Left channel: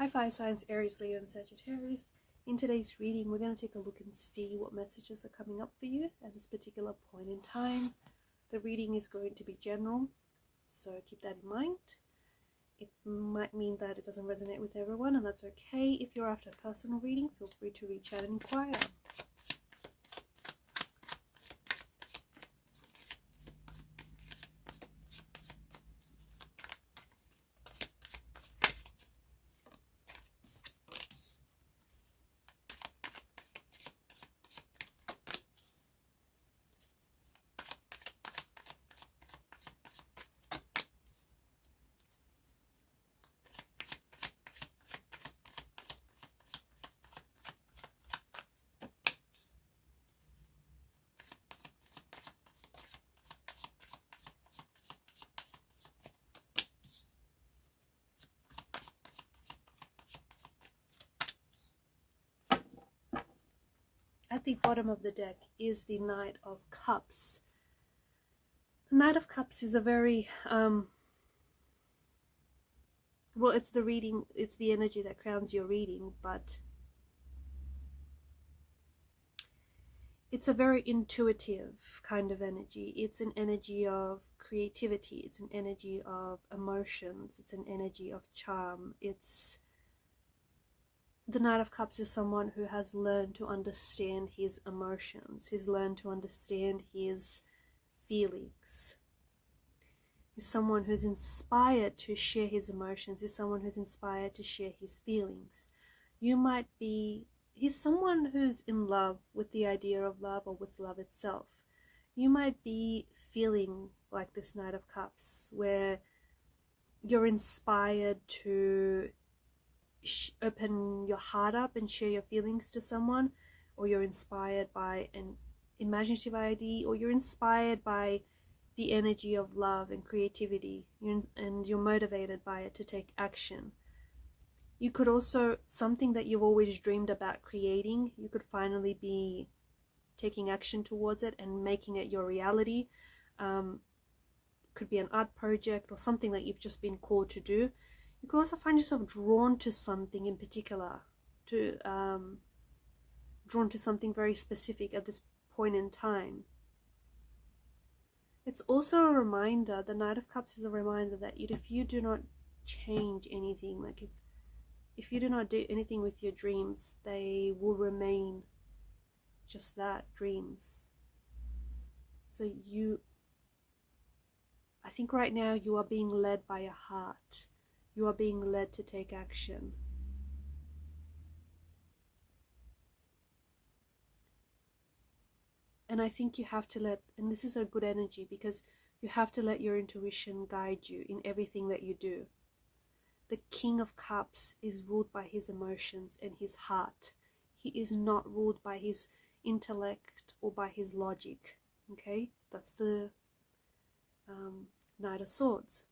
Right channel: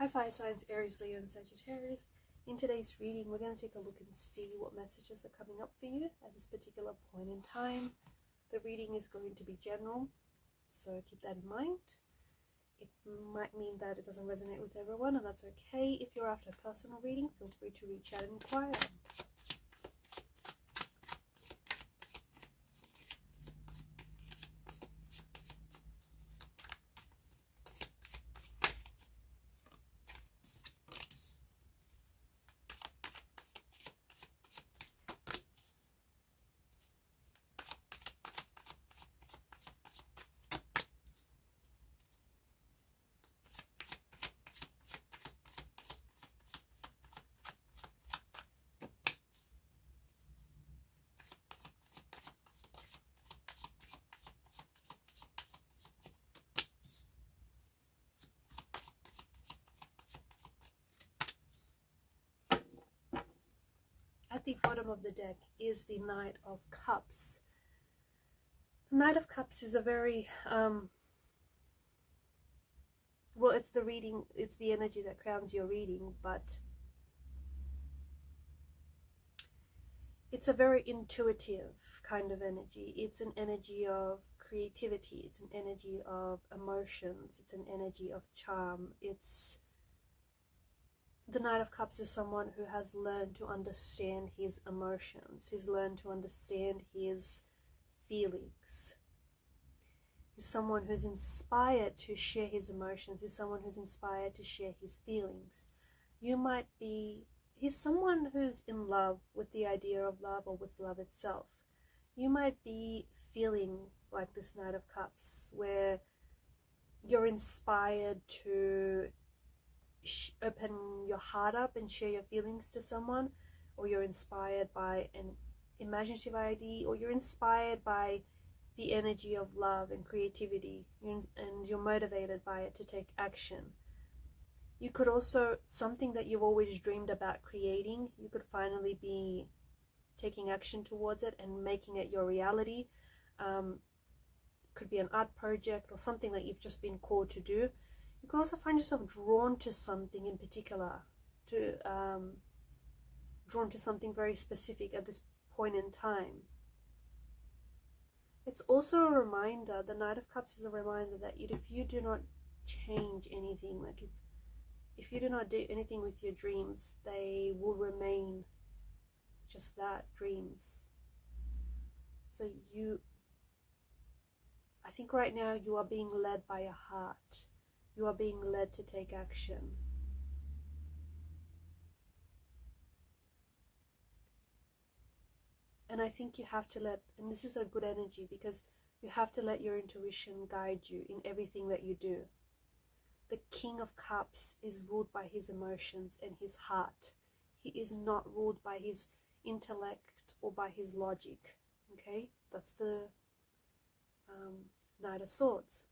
Hi fire signs, Aries, Leo and Sagittarius. In today's reading, we're going to take a look and see what messages are coming up for you at this particular point in time. The reading is going to be general, so keep that in mind. It might mean that it doesn't resonate with everyone, and that's okay. If you're after a personal reading, feel free to reach out and inquire. At the bottom of the deck is the Knight of Cups. The Knight of Cups is a very, well, it's the reading, it's the energy that crowns your reading, but it's a very intuitive kind of energy. It's an energy of creativity, it's an energy of emotions, it's an energy of charm. The Knight of Cups is someone who has learned to understand his emotions. He's learned to understand his feelings. He's someone who's inspired to share his emotions. He's someone who's inspired to share his feelings. He's someone who's in love with the idea of love or with love itself. You might be feeling like this Knight of Cups, where you're inspired to open your heart up and share your feelings to someone, or you're inspired by an imaginative idea, or you're inspired by the energy of love and creativity, and you're motivated by it to take action. You could also, something that you've always dreamed about creating, you could finally be taking action towards it and making it your reality. Could be an art project or something that you've just been called to do. You could also find yourself drawn to something in particular, drawn to something very specific at this point in time. It's also a reminder, the Knight of Cups is a reminder that if you do not change anything, like if you do not do anything with your dreams, they will remain just that, dreams. So I think right now you are being led by your heart. You are being led to take action. And I think you have to and this is a good energy, because you have to let your intuition guide you in everything that you do. The King of Cups is ruled by his emotions and his heart. He is not ruled by his intellect or by his logic. Okay, that's the Knight of Swords.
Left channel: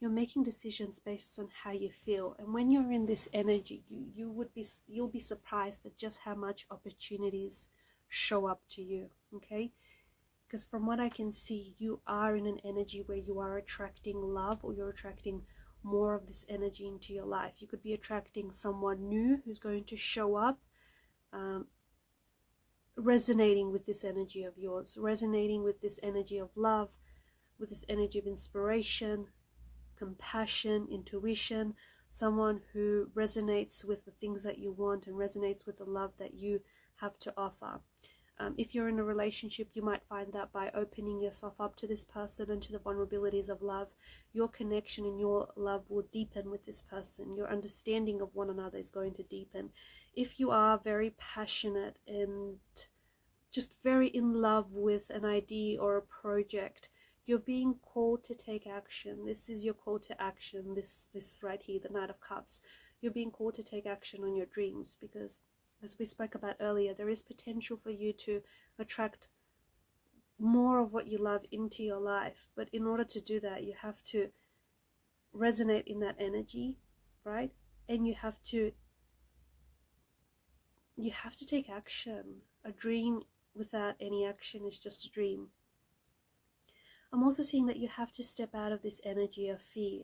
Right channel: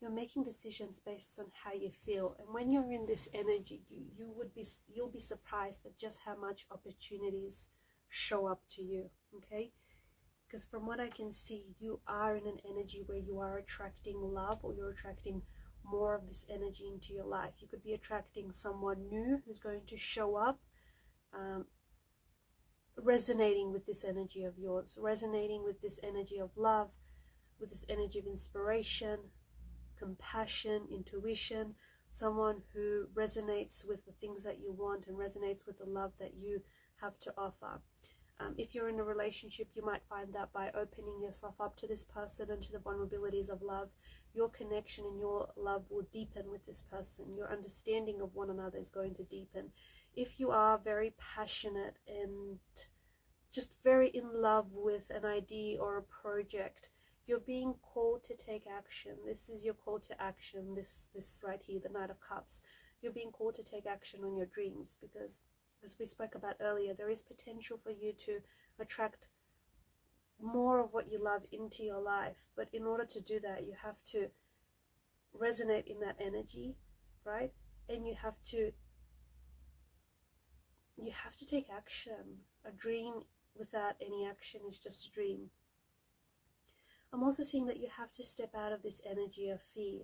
You're making decisions based on how you feel, and when you're in this energy, you'll be surprised at just how much opportunities show up to you. Okay, because from what I can see, you are in an energy where you are attracting love, or you're attracting more of this energy into your life. You could be attracting someone new who's going to show up, resonating with this energy of yours, resonating with this energy of love, with this energy of inspiration, compassion, intuition, someone who resonates with the things that you want and resonates with the love that you have to offer. If you're in a relationship, you might find that by opening yourself up to this person and to the vulnerabilities of love, your connection and your love will deepen with this person. Your understanding of one another is going to deepen. If you are very passionate and just very in love with an idea or a project, you're being called to take action. This is your call to action, this right here, the Knight of Cups. You're being called to take action on your dreams, because as we spoke about earlier, there is potential for you to attract more of what you love into your life. But in order to do that, you have to resonate in that energy, right? And you have to take action. A dream without any action is just a dream. I'm also seeing that you have to step out of this energy of fear.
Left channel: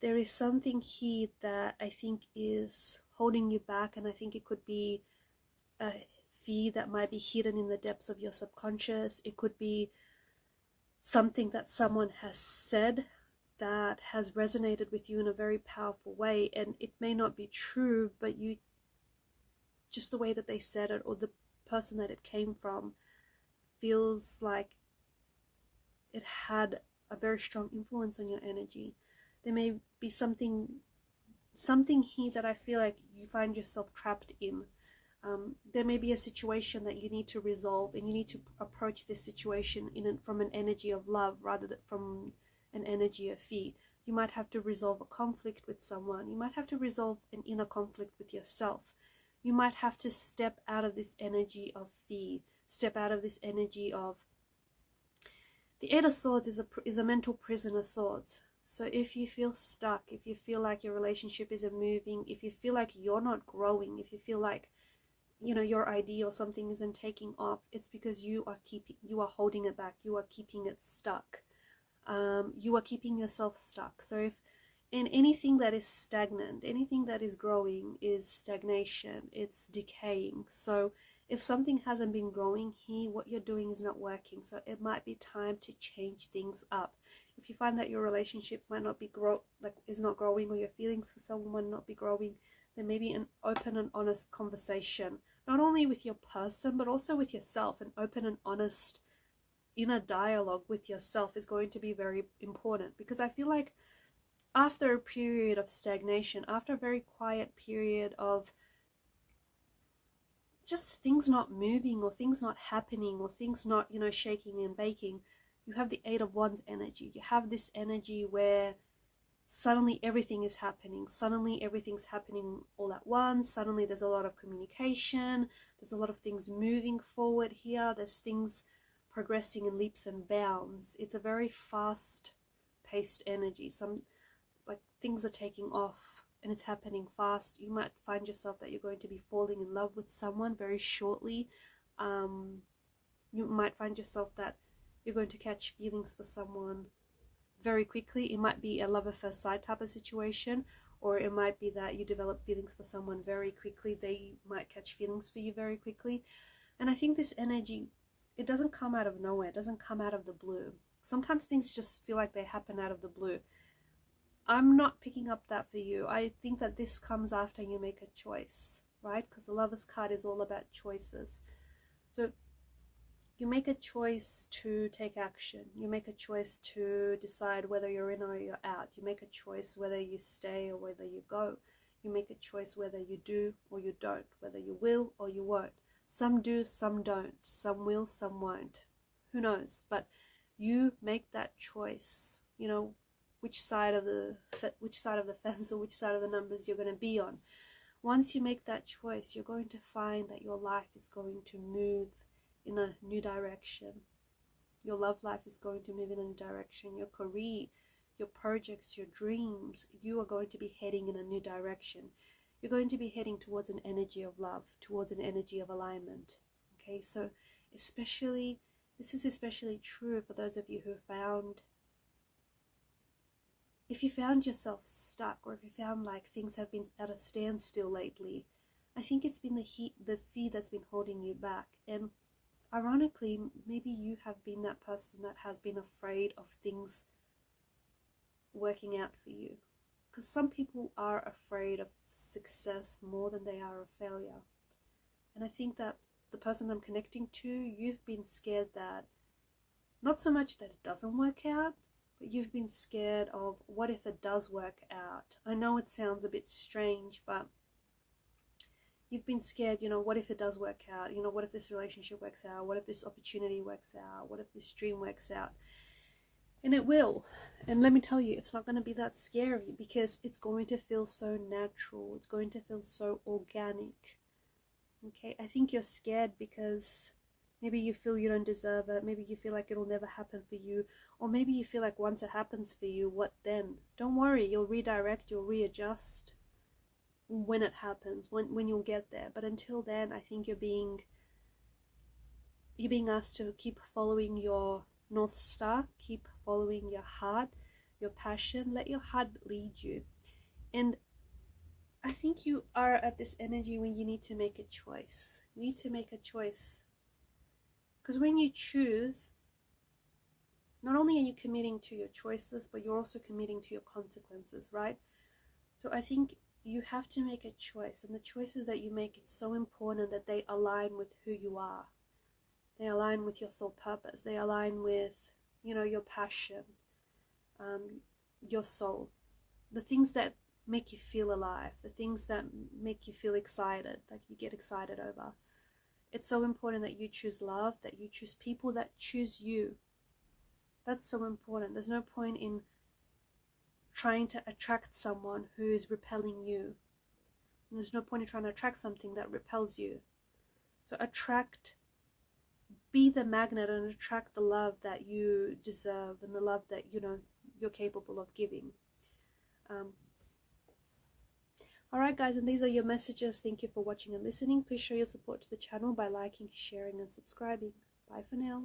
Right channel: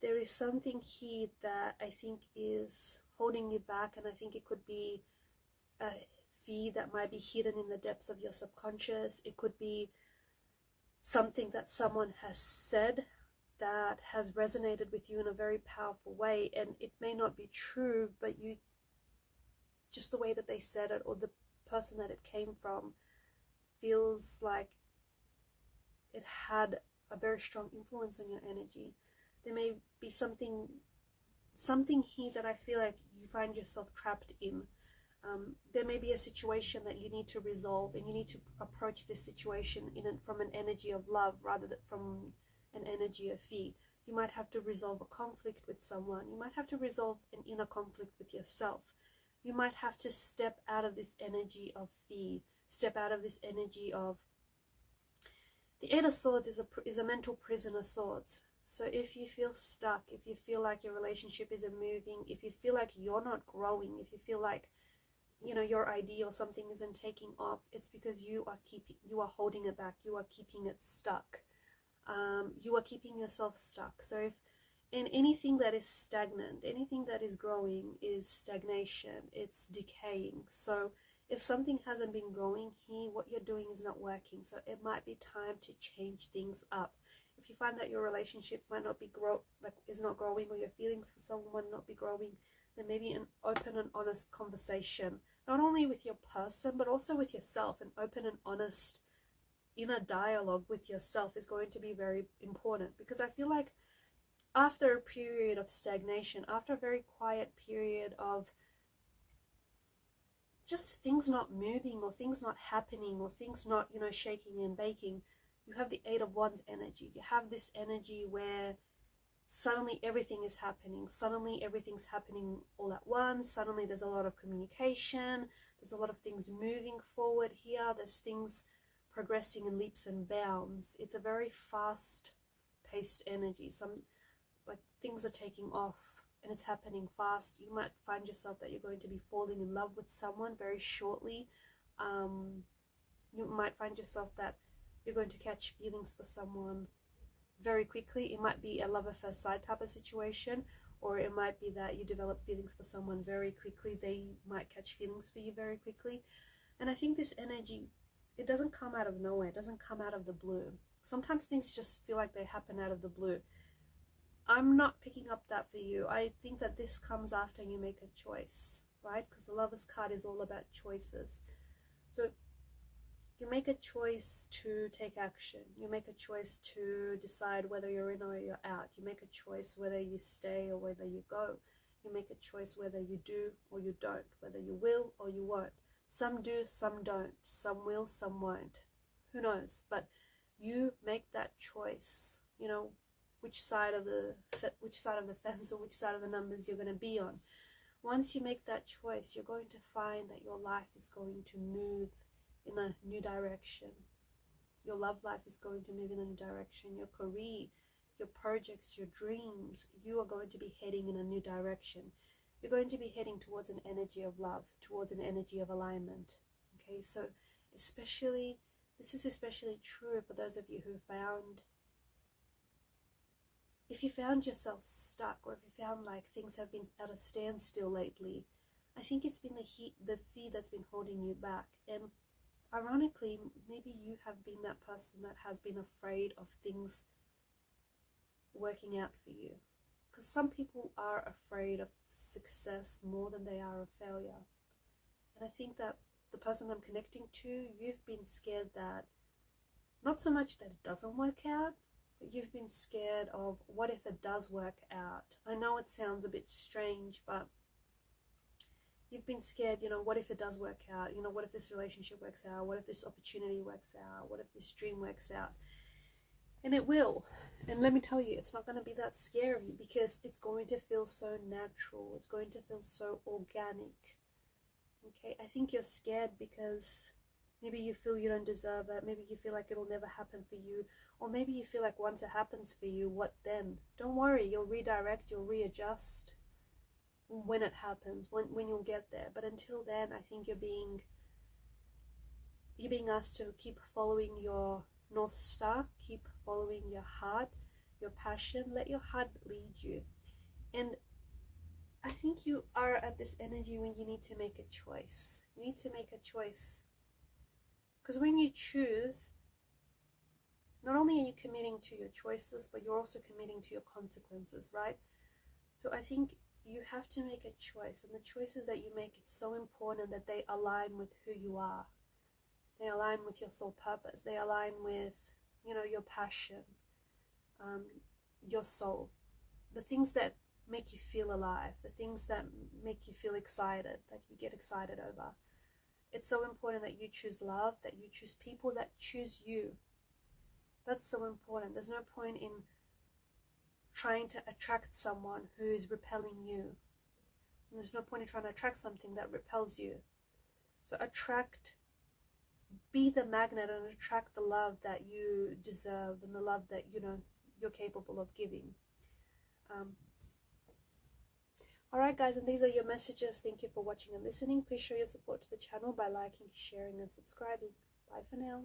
There is something here that I think is holding you back, and I think it could be a fear that might be hidden in the depths of your subconscious. It could be something that someone has said that has resonated with you in a very powerful way, and it may not be true, but you, just the way that they said it or the person that it came from, feels like it had a very strong influence on your energy. There may be something here that I feel like you find yourself trapped in. There may be a situation that you need to resolve, and you need to approach this situation from an energy of love rather than from an energy of fear. You might have to resolve a conflict with someone. You might have to resolve an inner conflict with yourself. You might have to step out of this energy of fear, step out of this energy of... The Eight of Swords is a mental prison of swords. So if you feel stuck, if you feel like your relationship isn't moving, if you feel like you're not growing, if you feel like, you know, your idea or something isn't taking off, it's because you are holding it back. You are keeping it stuck. You are keeping yourself stuck. So if in anything that is stagnant, anything that is growing is stagnation, it's decaying. So if something hasn't been growing here, what you're doing is not working. So it might be time to change things up. If you find that your relationship might not be is not growing, or your feelings for someone might not be growing, then maybe an open and honest conversation, not only with your person, but also with yourself. An open and honest inner dialogue with yourself is going to be very important, because I feel like after a period of stagnation, after a very quiet period of just things not moving, or things not happening, or things not, you know, shaking and baking, you have the Eight of Wands energy. You have this energy where suddenly everything is happening. Suddenly everything's happening all at once. Suddenly there's a lot of communication. There's a lot of things moving forward here. There's things progressing in leaps and bounds. It's a very fast-paced energy. Like things are taking off and it's happening fast. You might find yourself that you're going to be falling in love with someone very shortly. You might find yourself that you're going to catch feelings for someone very quickly. It might be a love at first sight type of situation, or it might be that you develop feelings for someone very quickly. They might catch feelings for you very quickly. And I think this energy, it doesn't come out of nowhere. It doesn't come out of the blue. Sometimes things just feel like they happen out of the blue. I'm not picking up that for you. I think that this comes after you make a choice, right? Because the Lover's card is all about choices. So you make a choice to take action. You make a choice to decide whether you're in or you're out. You make a choice whether you stay or whether you go. You make a choice whether you do or you don't, whether you will or you won't. Some do, some don't. Some will, some won't. Who knows? But you make that choice. You know, which side of the fence or which side of the numbers you're going to be on. Once you make that choice, you're going to find that your life is going to move in a new direction. Your love life is going to move in a new direction. Your career, your projects, your dreams, you are going to be heading in a new direction. You're going to be heading towards an energy of love, towards an energy of alignment. Okay, so this is especially true for those of you who if you found yourself stuck, or if you found like things have been at a standstill lately. I think it's been the fear that's been holding you back. And ironically, maybe you have been that person that has been afraid of things working out for you. Because some people are afraid of success more than they are of failure. And I think that the person I'm connecting to, you've been scared that, not so much that it doesn't work out, but you've been scared of what if it does work out. I know it sounds a bit strange, but you've been scared, you know, what if it does work out? You know, what if this relationship works out? What if this opportunity works out? What if this dream works out? And it will. And let me tell you, it's not going to be that scary, because it's going to feel so natural. It's going to feel so organic. Okay, I think you're scared because maybe you feel you don't deserve it. Maybe you feel like it'll never happen for you. Or maybe you feel like once it happens for you, what then? Don't worry, you'll redirect, you'll readjust when it happens, when you'll get there. But until then, I think you're being asked to keep following your North Star. Keep following your heart, your passion. Let your heart lead you. And I think you are at this energy when you need to make a choice. You need to make a choice. Because when you choose, not only are you committing to your choices, but you're also committing to your consequences, right? So I think you have to make a choice. And the choices that you make, it's so important that they align with who you are. They align with your soul purpose. They align with, you know, your passion, your soul. The things that make you feel alive, the things that make you feel excited, that you get excited over. It's so important that you choose love, that you choose people that choose you. That's so important. There's no point in trying to attract someone who is repelling you. And there's no point in trying to attract something that repels you. So be the magnet and attract the love that you deserve and the love that, you know, you're capable of giving. Alright guys, and these are your messages. Thank you for watching and listening. Please show your support to the channel by liking, sharing and subscribing. Bye for now.